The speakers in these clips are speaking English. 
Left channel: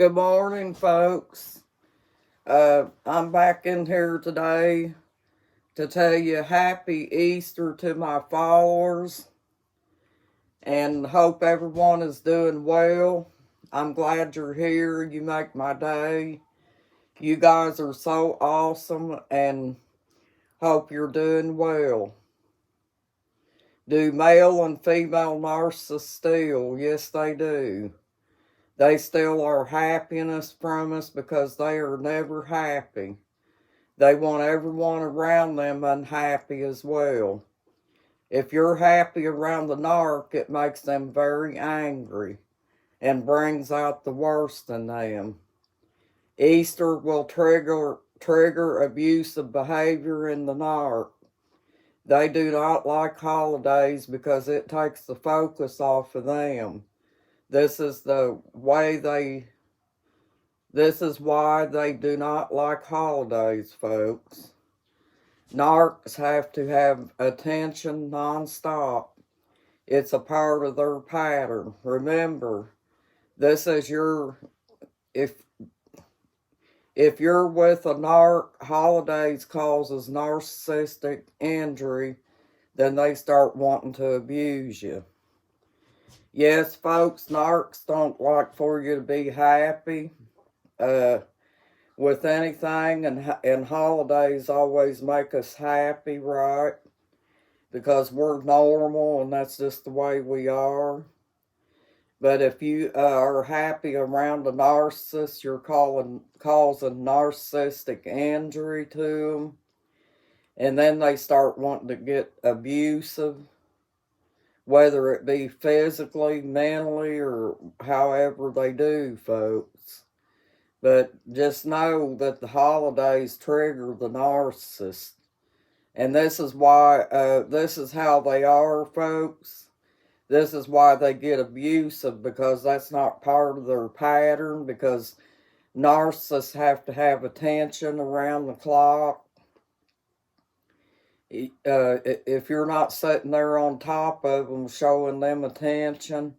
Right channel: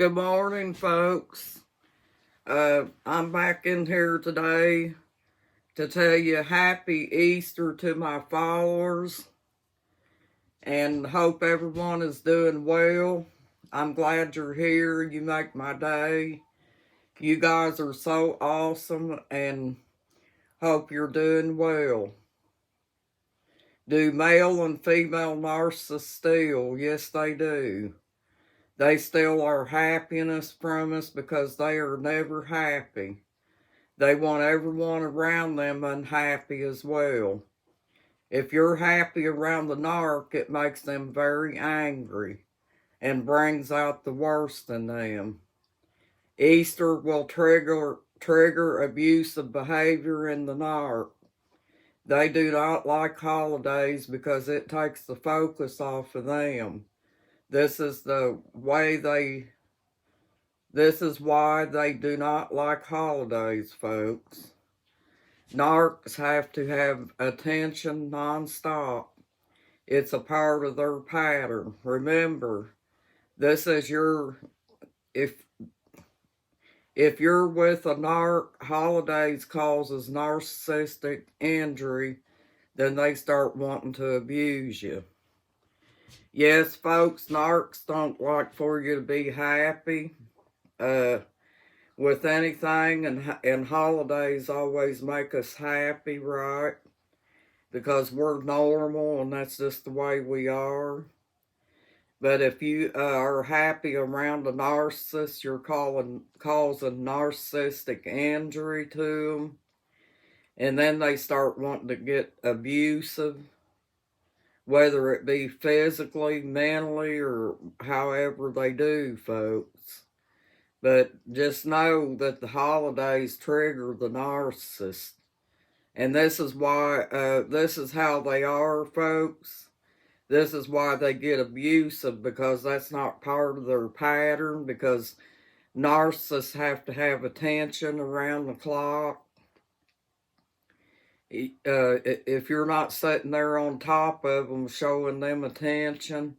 Good morning, folks. I'm back in here today to tell you happy Easter to my followers and hope everyone is doing well. I'm glad you're here. You make my day. You guys are so awesome and hope you're doing well. Do male and female narcissists steal? Yes, they do. They steal our happiness from us because they are never happy. They want everyone around them unhappy as well. If you're happy around the narc, it makes them very angry and brings out the worst in them. Easter will trigger abusive behavior in the narc. They do not like holidays because it takes the focus off of them. This is why they do not like holidays, folks. Narcs have to have attention nonstop. It's a part of their pattern. Remember, this is if you're with a narc, holidays causes narcissistic injury, then they start wanting to abuse you. Yes, folks, narcs don't like for you to be happy with anything, and holidays always make us happy, right? Because we're normal and that's just the way we are. But if you are happy around a narcissist, you're causing narcissistic injury to them. And then they start wanting to get abusive, whether it be physically, mentally, or however they do, folks. But just know that the holidays trigger the narcissist. And this is why, this is how they are, folks. This is why they get abusive, because that's not part of their pattern, because narcissists have to have attention around the clock. If you're not sitting there on top of them, showing them attention,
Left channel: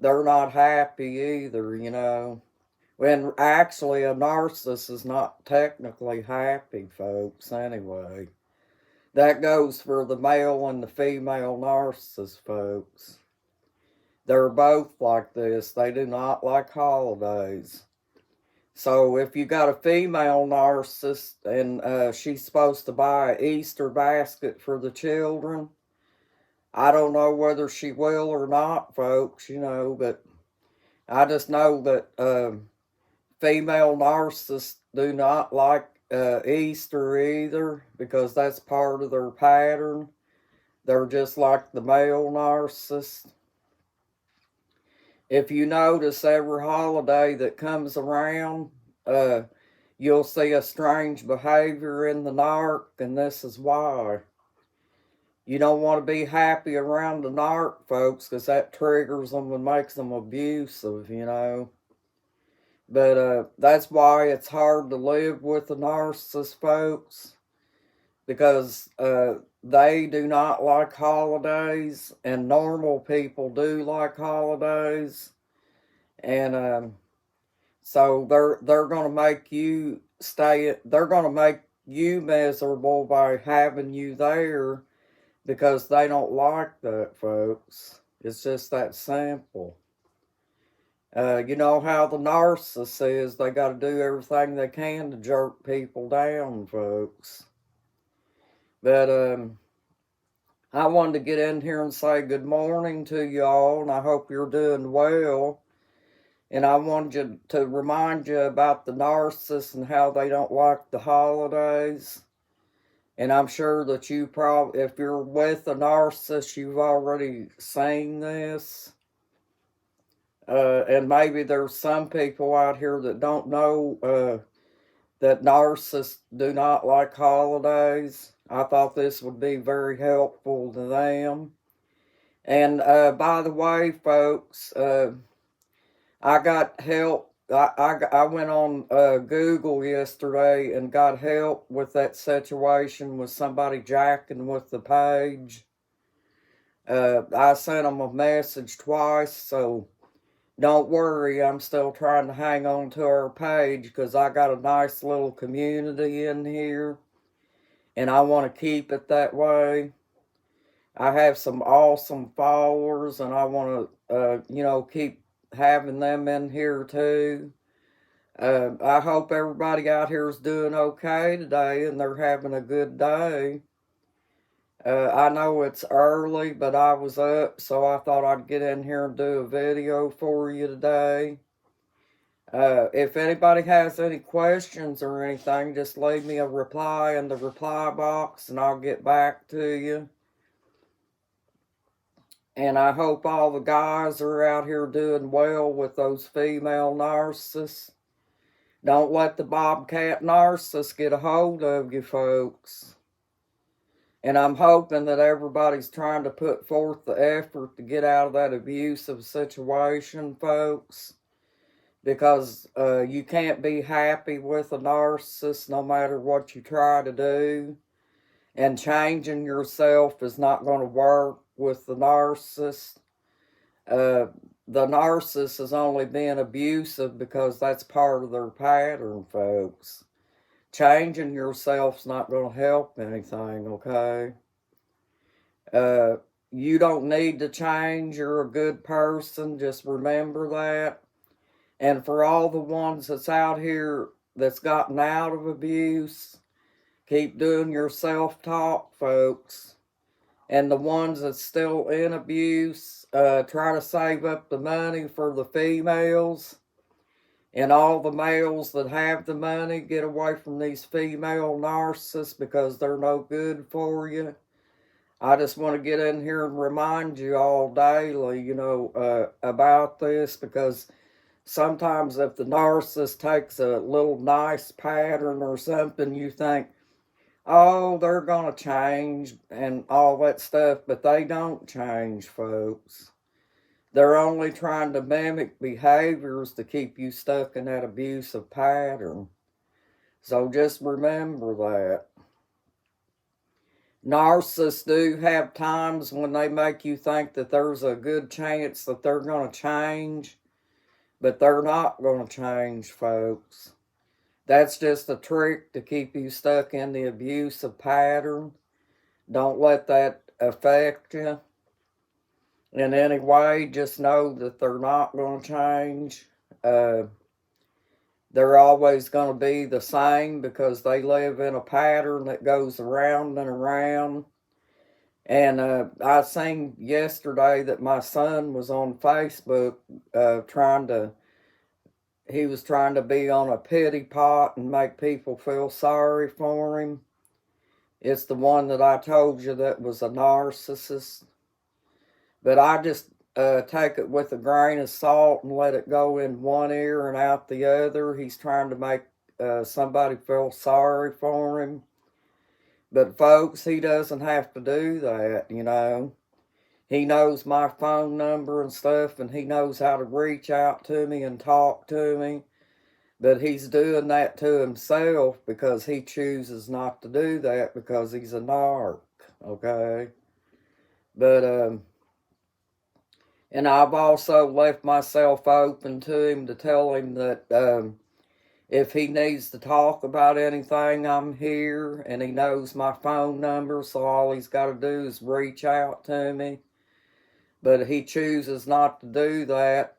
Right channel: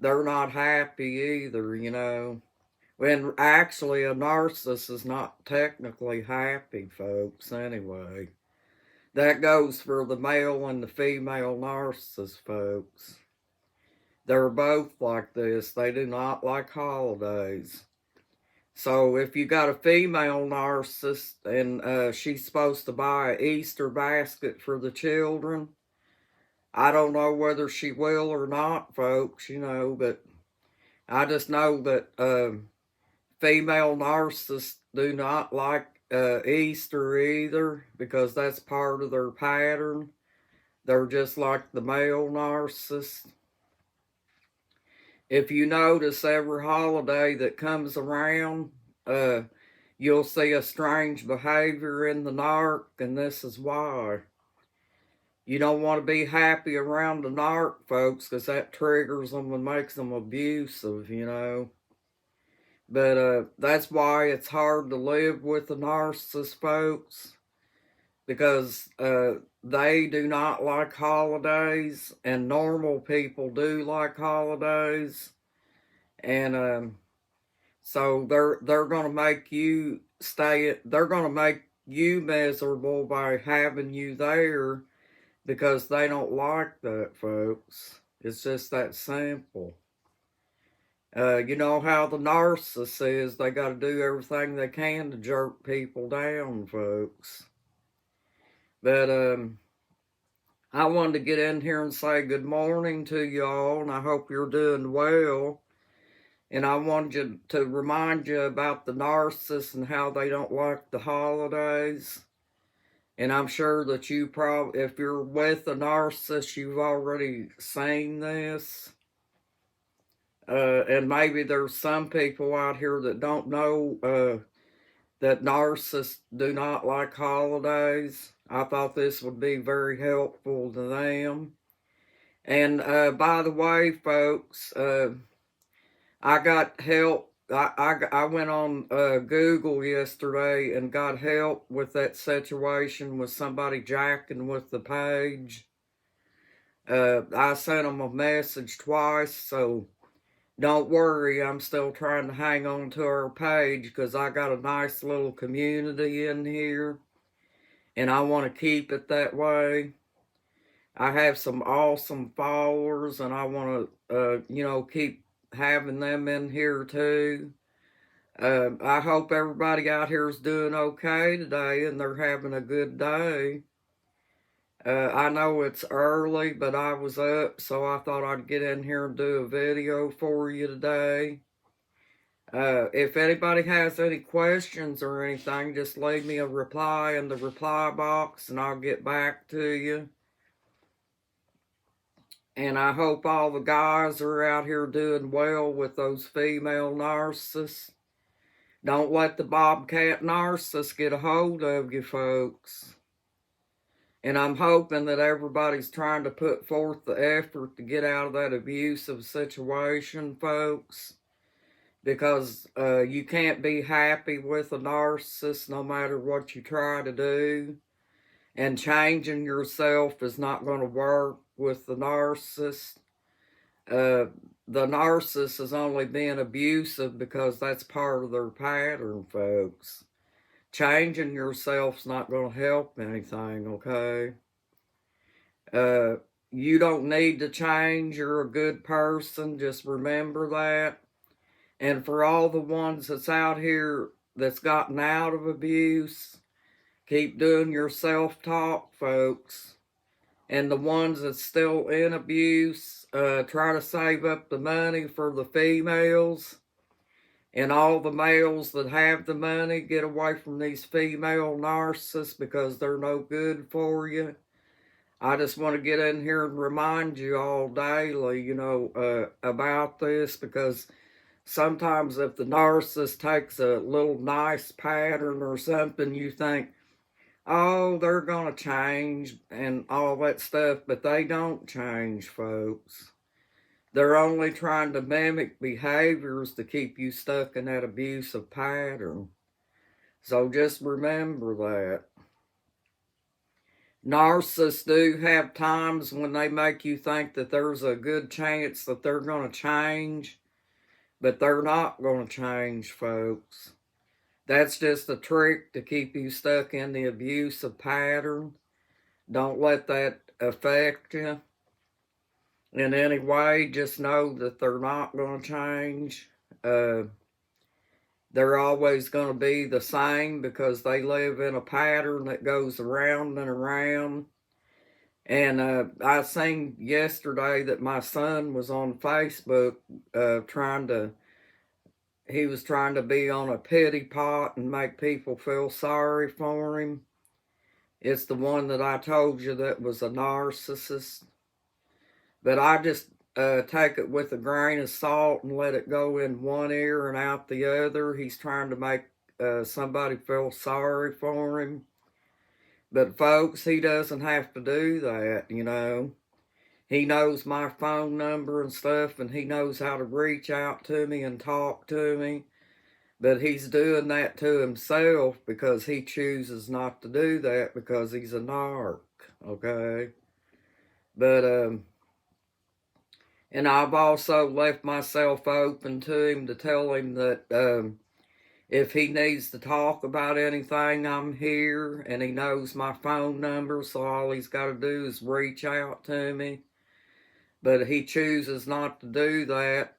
they're not happy either, you know. When actually a narcissist is not technically happy, folks, anyway. That goes for the male and the female narcissist, folks. They're both like this. They do not like holidays. So if you got a female narcissist and she's supposed to buy an Easter basket for the children, I don't know whether she will or not, folks, you know, but I just know that female narcissists do not like Easter either, because that's part of their pattern. They're just like the male narcissist. If you notice, every holiday that comes around, you'll see a strange behavior in the narc, and this is why. You don't want to be happy around the narc, folks, because that triggers them and makes them abusive, you know. But that's why it's hard to live with the narcissist, folks, because they do not like holidays, and normal people do like holidays. And so they're going to make you they're going to make you miserable by having you there, because they don't like that, folks. It's just that simple. You know how the narcissist is, they got to do everything they can to jerk people down, folks. But I wanted to get in here and say good morning to y'all, and I hope you're doing well. And I wanted to remind you about the narcissists and how they don't like the holidays. And I'm sure that you probably, if you're with a narcissist, you've already seen this. And maybe there's some people out here that don't know that narcissists do not like holidays. I thought this would be very helpful to them. And by the way, folks, I got help. I went on Google yesterday and got help with that situation with somebody jacking with the page. I sent them a message twice, so don't worry, I'm still trying to hang on to our page because I got a nice little community in here and I want to keep it that way. I have some awesome followers and I want to, keep having them in here too. I hope everybody out here is doing okay today and they're having a good day. I know it's early, but I was up, so I thought I'd get in here and do a video for you today. If anybody has any questions or anything, just leave me a reply in the reply box and I'll get back to you. And I hope all the guys are out here doing well with those female narcissists. Don't let the bobcat narcissist get a hold of you, folks. And I'm hoping that everybody's trying to put forth the effort to get out of that abusive situation, folks. Because you can't be happy with a narcissist no matter what you try to do. And changing yourself is not going to work with the narcissist. The narcissist is only being abusive because that's part of their pattern, folks. Changing yourself's not going to help anything, okay? You don't need to change. You're a good person. Just remember that. And for all the ones that's out here that's gotten out of abuse, keep doing your self-talk, folks. And the ones that's still in abuse, try to save up the money for the females. And all the males that have the money, get away from these female narcissists because they're no good for you. I just want to get in here and remind you all daily, about this, because sometimes if the narcissist takes a little nice pattern or something, you think, oh, they're going to change and all that stuff, but they don't change, folks. They're only trying to mimic behaviors to keep you stuck in that abusive pattern. So just remember that. Narcissists do have times when they make you think that there's a good chance that they're going to change, but they're not going to change, folks. That's just a trick to keep you stuck in the abusive pattern. Don't let that affect you in any way. Just know that they're not going to change. They're always going to be the same because they live in a pattern that goes around and around. And I seen yesterday that my son was on Facebook he was trying to be on a pity pot and make people feel sorry for him. It's the one that I told you that was a narcissist. But I just take it with a grain of salt and let it go in one ear and out the other. He's trying to make somebody feel sorry for him. But folks, he doesn't have to do that, He knows my phone number and stuff, and he knows how to reach out to me and talk to me. But he's doing that to himself because he chooses not to do that because he's a narc, okay? But, and I've also left myself open to him to tell him that if he needs to talk about anything, I'm here, and he knows my phone number, so all he's got to do is reach out to me. But he chooses not to do that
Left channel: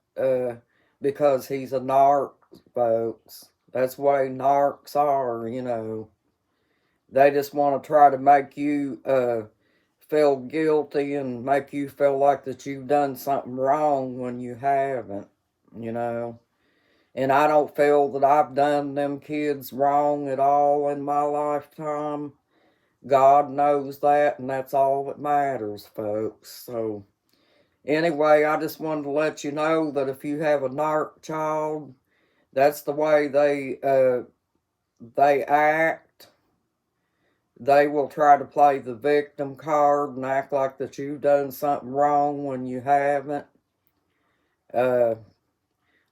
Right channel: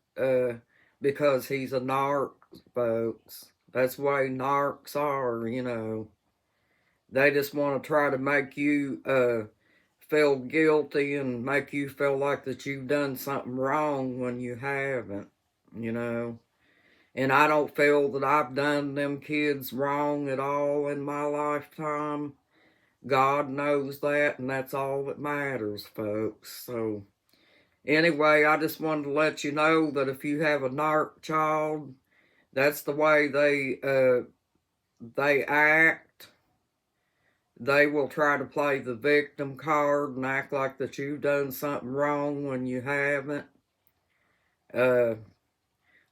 because he's a narc, folks. That's the way narcs are, They just want to try to make you feel guilty and make you feel like that you've done something wrong when you haven't, And I don't feel that I've done them kids wrong at all in my lifetime. God knows that, and that's all that matters, folks. So anyway, I just wanted to let you know that if you have a narc child, that's the way they act. They will try to play the victim card and act like that you've done something wrong when you haven't.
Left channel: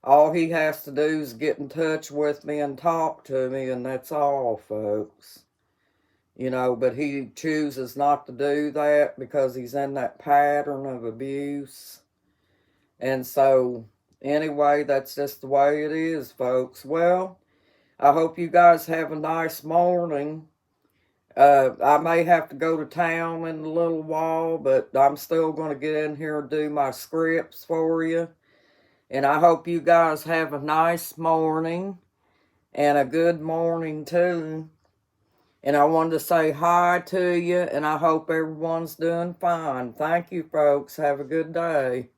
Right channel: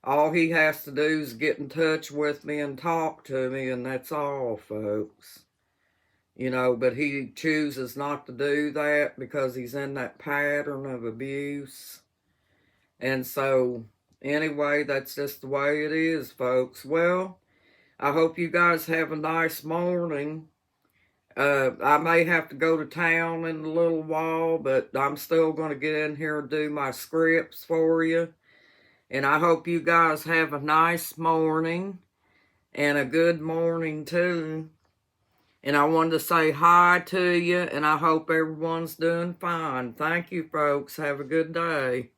All he has to do is get in touch with me and talk to me, and that's all, folks. But he chooses not to do that because he's in that pattern of abuse. And so anyway, that's just the way it is, folks. Well, I hope you guys have a nice morning. I may have to go to town in a little while, but I'm still going to get in here and do my scripts for you. And I hope you guys have a nice morning and a good morning too. And I wanted to say hi to you, and I hope everyone's doing fine. Thank you, folks. Have a good day.